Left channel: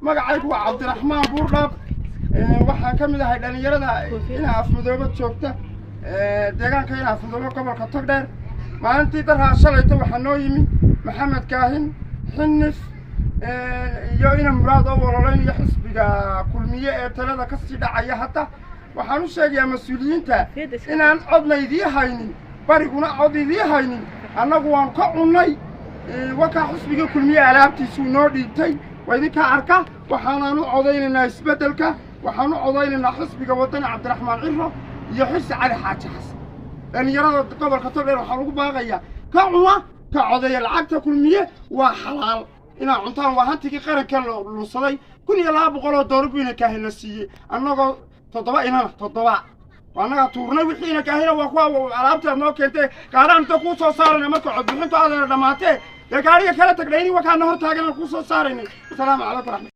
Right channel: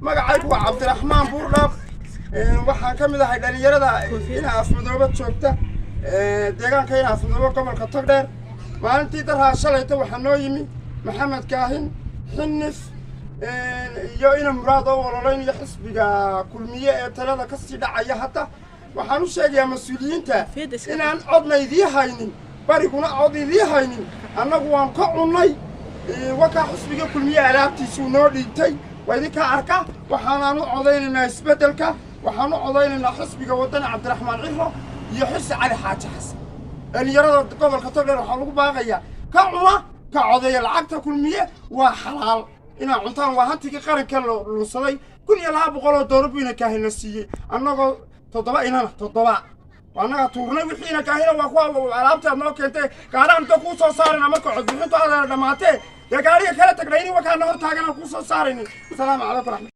magacaygu waa Cabdiraxmaan Buurdhaaf waxaan ka mid ahay dhalinyarada ina afmadooba joogta deegaanka ina afmadooba gobolka Togdheer maalintii darhaa shalayta waxaa noo yimi Maxamed Kaahin Xinnis iyo ina muraad oo walaalayn xisbiga kulmiye ee talada ka sii dhacaya hata waxaan u sheegayaa mas'uuliyiinta inaan codnaydii haynin bariguna codidii haynin annagu waan ka cunnay waka xisbiga kulmiye alaabtiisu noo dhiibtay وإذا أركا وحنا نعودينا إسبدلك وحنا عودينا حسب جواتنا عبد الرحمن عرة يحس على حاجة حسن اللي يرى قبل خطر يروح على باغية كعوة كعودي العقد كل مية وحلال إن عنتان وهنتي قرن كله الصلي كل يلعب قولوا ضربينا كاهن السيء أنا تطبع هنا تطبع وأنا تورنا وحين كاهن وأخوة على أنت كنت كارن تقول صار أنا ما كنت بحط على دماته يا كاري كلا تقريني وكان نهار تاجنا قصة صارين السلام عليكم.